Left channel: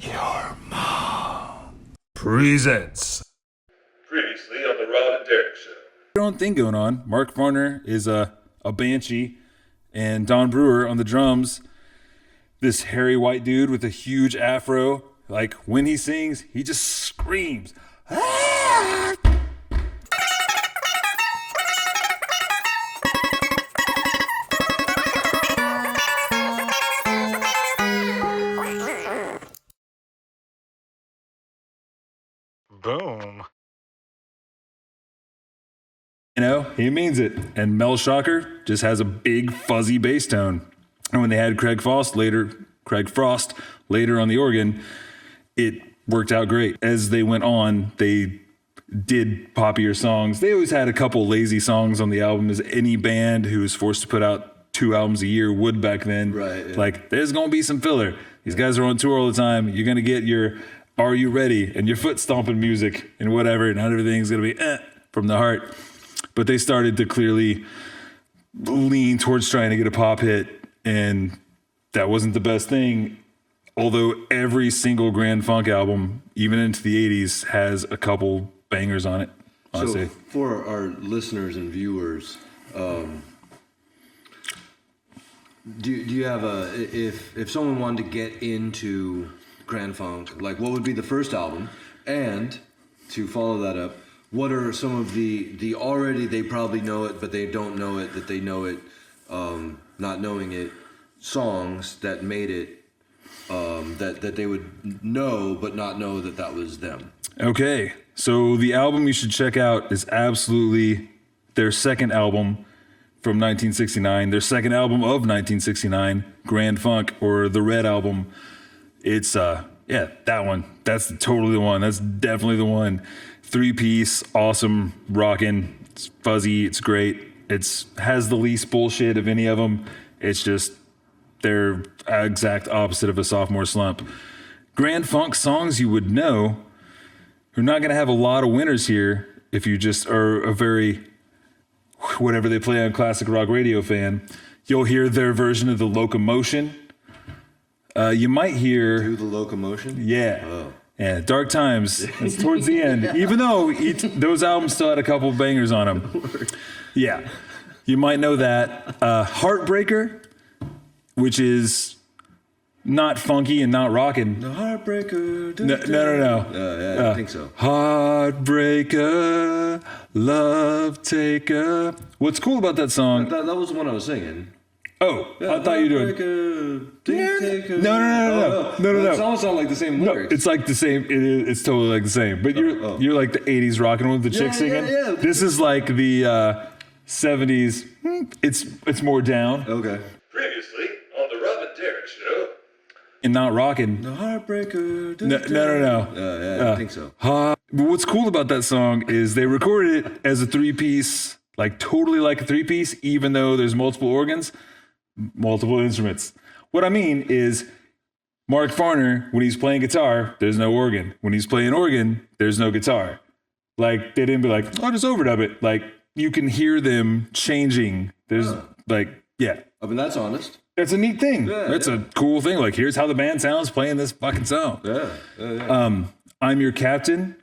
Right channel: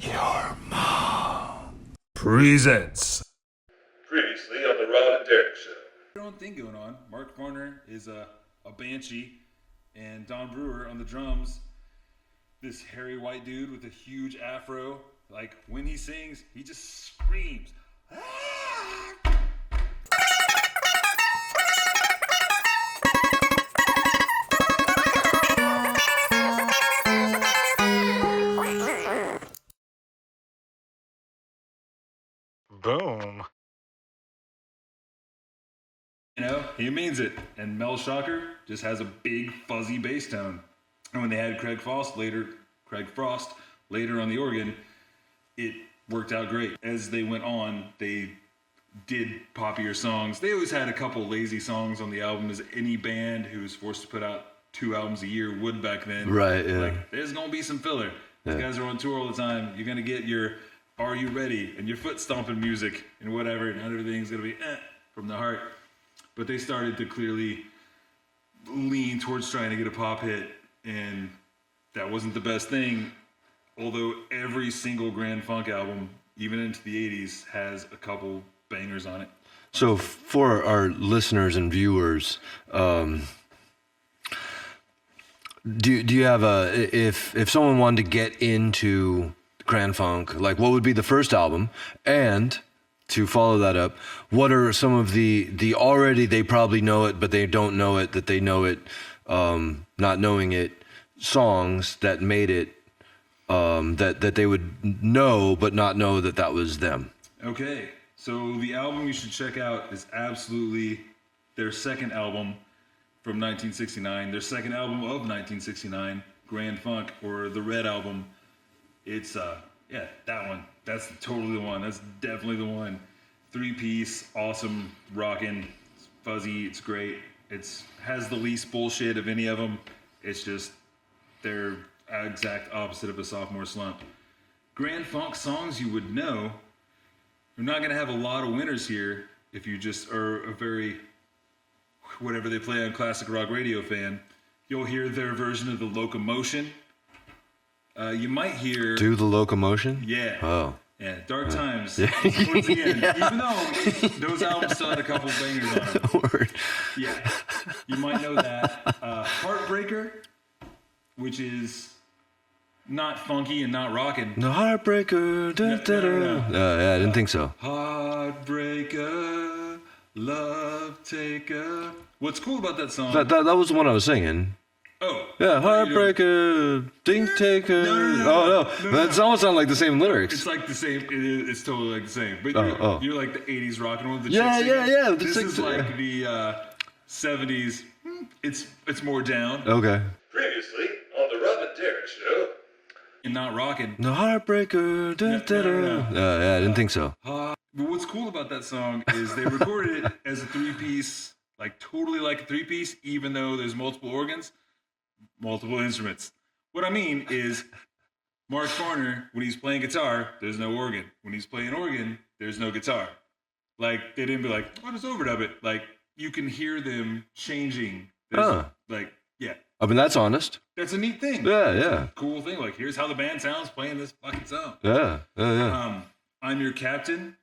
Your mom presents. Previously on the Rob and Derek Show. Their own thing going on. Mark Farner is a banshee, and Don Brewer on the drums. This hairy white dude with a huge afro. Like when he sings, he just screams. Ah! Boom. You know, he means it. And Mel Shocker just has a big fuzzy bass tone. And when they had Craig Frost later on the organ, it worked out great. As they went on, they did poppier songs. They always had a couple lazy songs on the album, as any band who was forced to put out 2 albums a year would back then. Right. Yeah. Like, there's gonna be some filler. These guys are on tour all the time. You're gonna get your "Are You Ready?" and your foot stomping music and whatever, and not everything's gonna be from the heart. But they started to clearly lean towards trying to get a pop hit, and that wasn't the best thing. Although every single Grand Funk album, even into the 80s, has a couple bangers on it. So Honestly. for our listeners and viewers, do you have if someone wanted to get into Grand Funk, like what would be the first album? And to follow that up, what are some of the already they probably know it, but they don't know it, that they know it, not knowing it, songs that made it, that they would know, but not know that was them? Okay, so the album you should check out is absolutely their second album from 1969, their second album of 1969, Grand Funk, or the Red Album. It's, that one. That's totally the one. That's definitely the one. 3-piece, awesome, rockin'. It's fuzzy, it's great. It's has the least bullshit of any of them. It's just, they're exact opposite of a sophomore slump. Grand Funk songs you would know. You're not going to have a lot of winners here if you just are a very, whatever they play on classic rock radio fan. You'll hear their version of the Locomotion. You might hear... Do the Locomotion? Yeah. Oh. Yeah, Dark Times. It's towards the end. Even though those albums still had a couple bangers on them. Yeah. You might know that. Heartbreaker, which is not funky and not rocking. The Heartbreaker. No. Yeah, I didn't think so. Heartbreaker, love taker. What's cool about that song? That was the one I was singing. Oh, Yeah, I thought you were doing... Heartbreaker, Ding Taker. No. That almost sound like the same lyrics. It's like the same. It's totally like the same. But you're like the 80s rocking with the chicks singing. Yeah. This is like the 70s. It's more down Okay. Previously on the Rob and Derek Show. and not rocking. The Heartbreaker. No. Yeah, I didn't think so. But what's cool about that song is they recorded it as a 3-piece, like totally like a 3-piece, even though there's multiple organs, multiple instruments. What I mean is, Mark Farner, when he's playing guitar, there's no organ. When he's playing organ, there's no guitar. Like, they didn't be like, oh, just overdub it. Like, you can hear them changing. There's yeah. I mean, that's honest. That's a neat thing. Yeah, That's yeah. a cool thing. Like, here's how the band sounds playing this fucking song. Yeah. I'm your captain.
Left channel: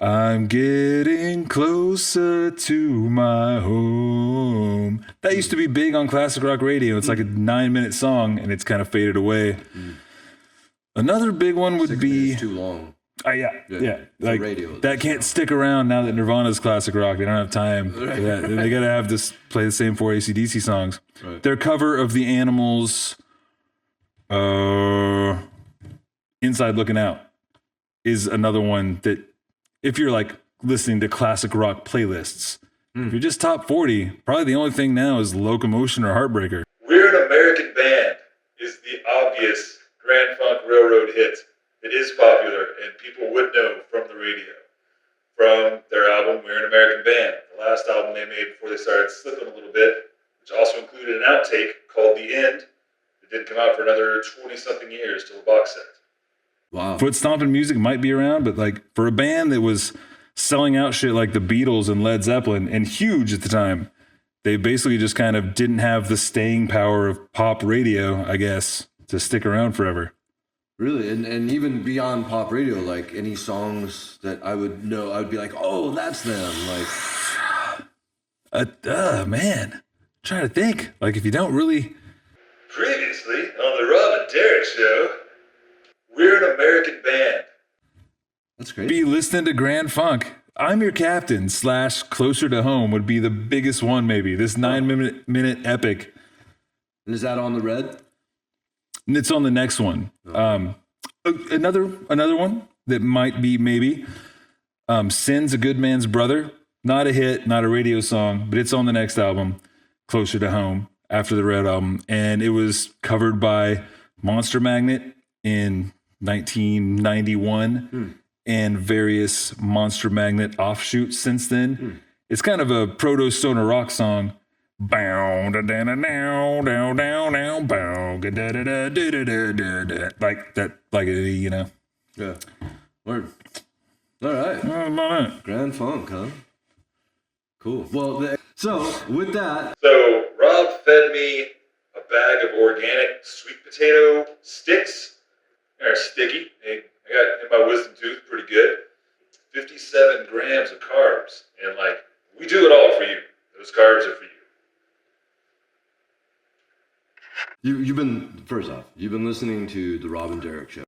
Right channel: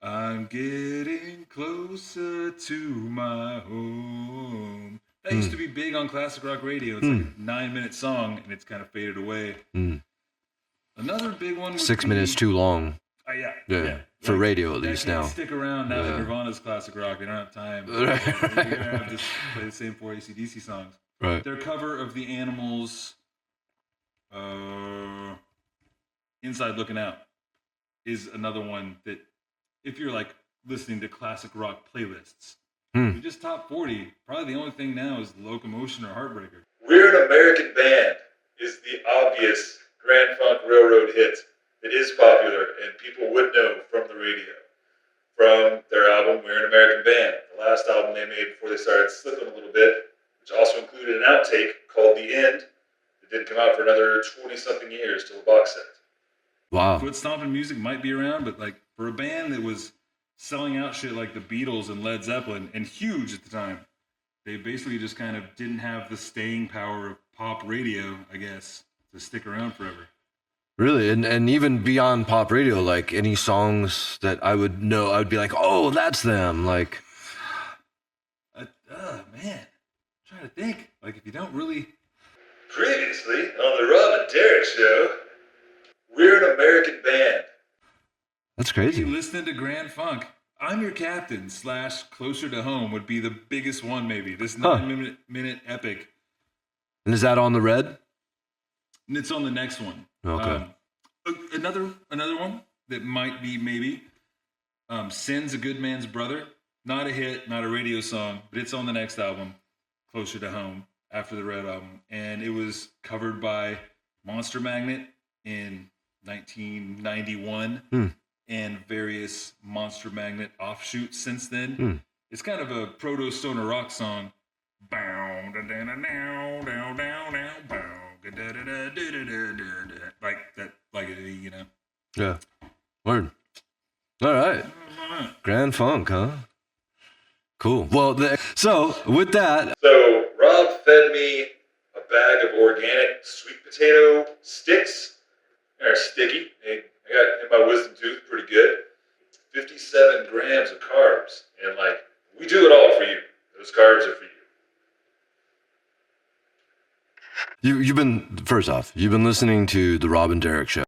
I'm getting closer to my home. That used to be big on classic rock radio. It's like a 9-minute song, and it's kind of faded away. Another big one would 6 be... minutes too long. Yeah. For radio, at that least can't now. stick around now that Nirvana's classic rock. They don't have time. They gotta have this play the same 4 AC/DC songs. Right. Their cover of the Animals' "Inside Looking Out" is another one that, if you're like listening to classic rock playlists, if you're just top 40, probably the only thing now is Locomotion or Heartbreaker. We're an American Band is the obvious Grand Funk Railroad hit. It is popular and people would know from the radio. From their album, We're an American Band, the last album they made before they started slipping a little bit, which also included an outtake called The End. It didn't come out for another 20-something years till the box set. Wow. Foot stomping music might be around, but like for a band that was selling out shit like the Beatles and Led Zeppelin and huge at the time, they basically just kind of didn't have the staying power of pop radio, I guess, to stick around forever. Really, and even beyond pop radio, like any songs that I would know, I would be like, oh, that's them. Like, Man, trying to think. Like, if you don't really, Previously on the Rob and Derek Show, we're an American band. that's be crazy. listening to Grand Funk. I'm Your Captain / Closer to Home would be the biggest one, maybe. This 9-minute epic. And is that on the red? And it's on the next one. Okay. Another one that might be maybe Sin's a Good Man's Brother. Not a hit, not a radio song, but it's on the next album, Closer to Home, after the Red album. And it was covered by Monster Magnet in 1991 and various Monster Magnet offshoots since then. It's kind of a proto-stoner rock song. Bow da da da down down down down bow da da da da da da da da, like that, like you know. Yeah. Word. All right. Grand Funk, huh? Cool. Well, so with that, So Rob fed me a bag of organic sweet potato sticks. They're sticky. I got in my wisdom tooth pretty good. 57 grams of carbs. And like, we do it all for you. Those carbs are for you. you've been, first off, you've been listening to the Rob and Derek Show.